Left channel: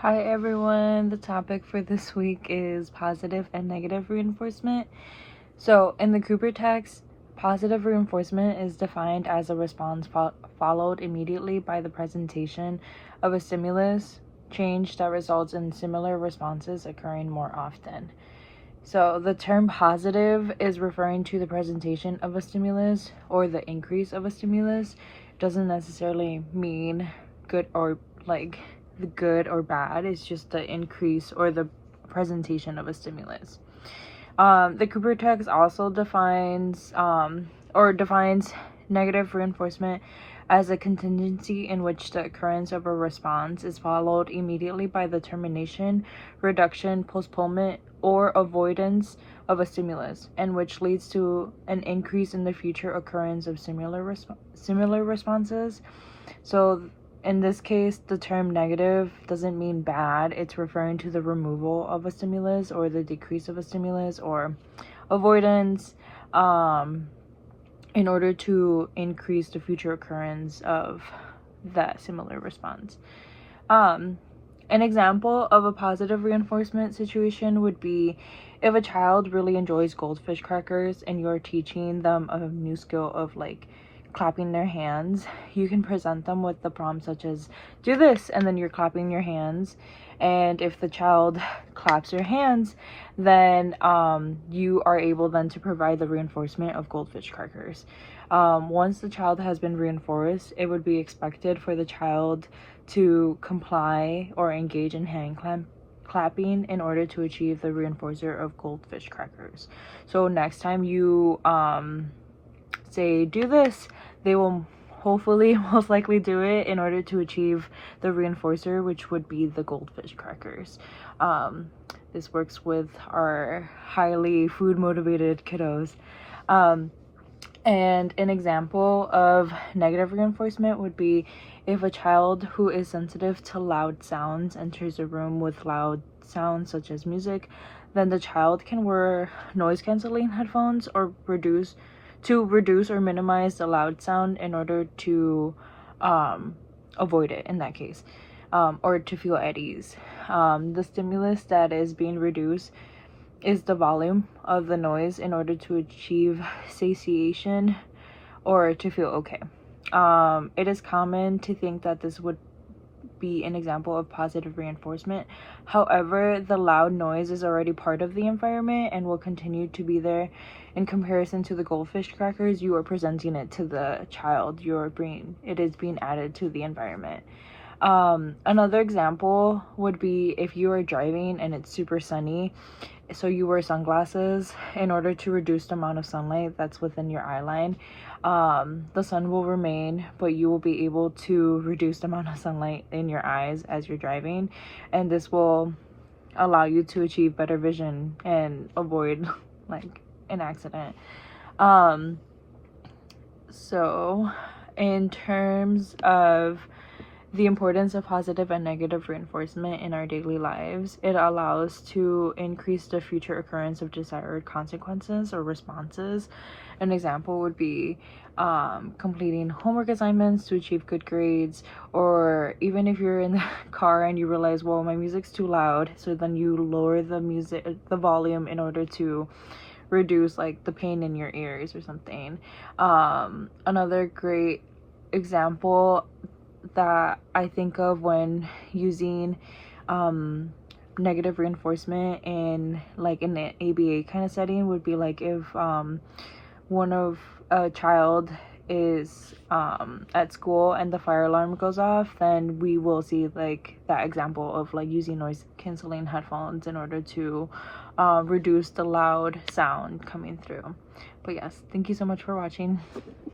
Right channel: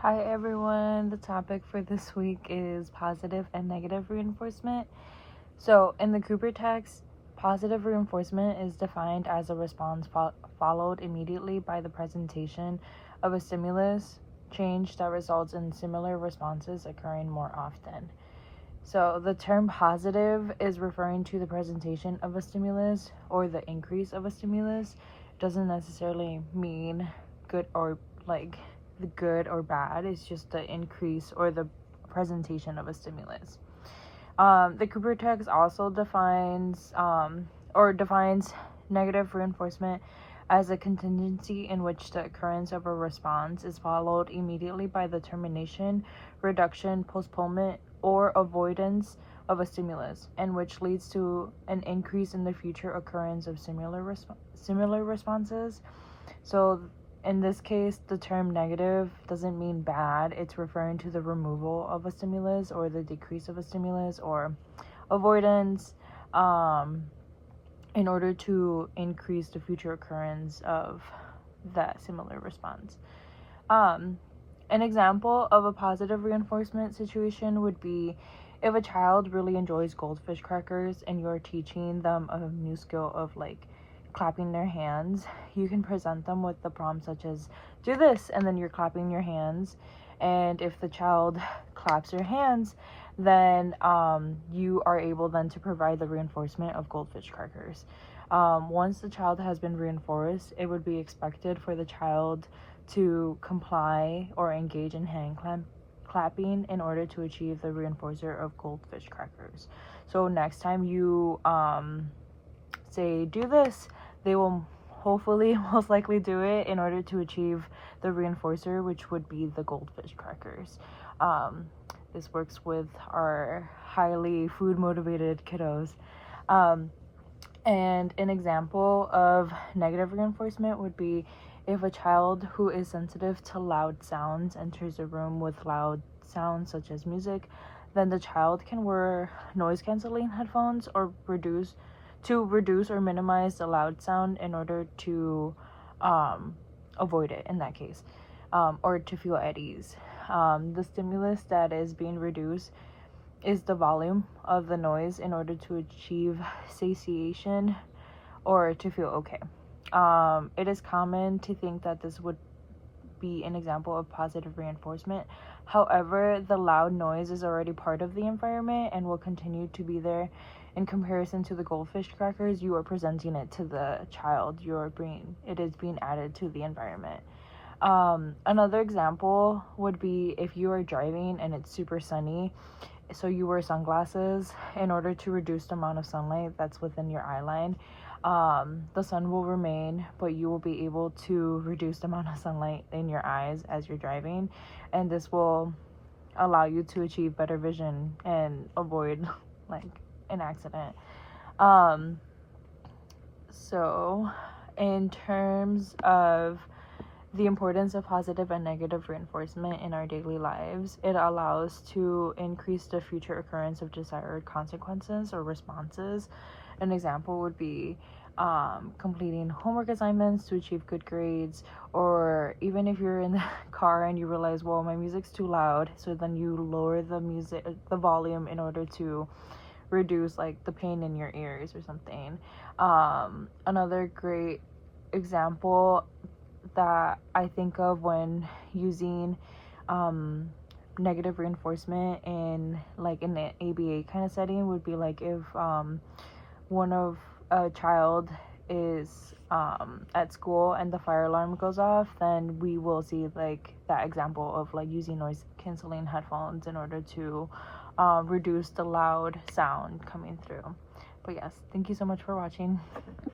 Hi everyone, the topic for this week is positive and negative reinforcement. So, in the Cooper text, positive reinforcement is defined as a response followed immediately by the presentation of a stimulus change that results in similar responses occurring more often. So, the term positive is referring to the presentation of a stimulus or the increase of a stimulus. It doesn't necessarily mean good or like the good or bad. It's just the increase or the presentation of a stimulus. The Cooper text also defines negative reinforcement as a contingency in which the occurrence of a response is followed immediately by the termination, reduction, postponement, or avoidance of a stimulus, and which leads to an increase in the future occurrence of similar responses. So in this case, the term negative doesn't mean bad. It's referring to the removal of a stimulus or the decrease of a stimulus or avoidance in order to increase the future occurrence of that similar response. An example of a positive reinforcement situation would be if a child really enjoys goldfish crackers and you're teaching them a new skill of like clapping their hands, you can present them with the prompt such as do this, and then you're clapping your hands. And if the child claps their hands, then you are able then to provide the reinforcement of goldfish crackers. Once the child has been reinforced, it would be expected for the child to comply or engage in hand clapping in order to achieve the reinforcer of goldfish crackers. So next time you say do this, they will hopefully most likely do it in order to achieve the reinforcer, which would be the goldfish crackers. This works with our highly food motivated kiddos. And an example of negative reinforcement would be if a child who is sensitive to loud sounds enters a room with loud sounds such as music, then the child can wear noise canceling headphones or reduce or minimize the loud sound in order to avoid it in that case, or to feel at ease. The stimulus that is being reduced is the volume of the noise in order to achieve satiation or to feel okay. It is common to think that this would be an example of positive reinforcement. However, the loud noise is already part of the environment and will continue to be there. In comparison to the goldfish crackers, you are presenting it to the child. It is being added to the environment. Another example would be if you are driving and it's super sunny, so you wear sunglasses in order to reduce the amount of sunlight that's within your eye line. The sun will remain, but you will be able to reduce the amount of sunlight in your eyes as you're driving, and this will allow you to achieve better vision and avoid like an accident. So in terms of the importance of positive and negative reinforcement in our daily lives, it allows to increase the future occurrence of desired consequences or responses. An example would be completing homework assignments to achieve good grades, or even if you're in the car and you realize, well, my music's too loud, so then you lower the volume in order to reduce like the pain in your ears or something. Another great example that I think of when using negative reinforcement in like in an ABA kind of setting would be like if one of a child is at school and the fire alarm goes off, then we will see like that example of like using noise canceling headphones in order to reduce the loud sound coming through. But yes, thank you so much for watching.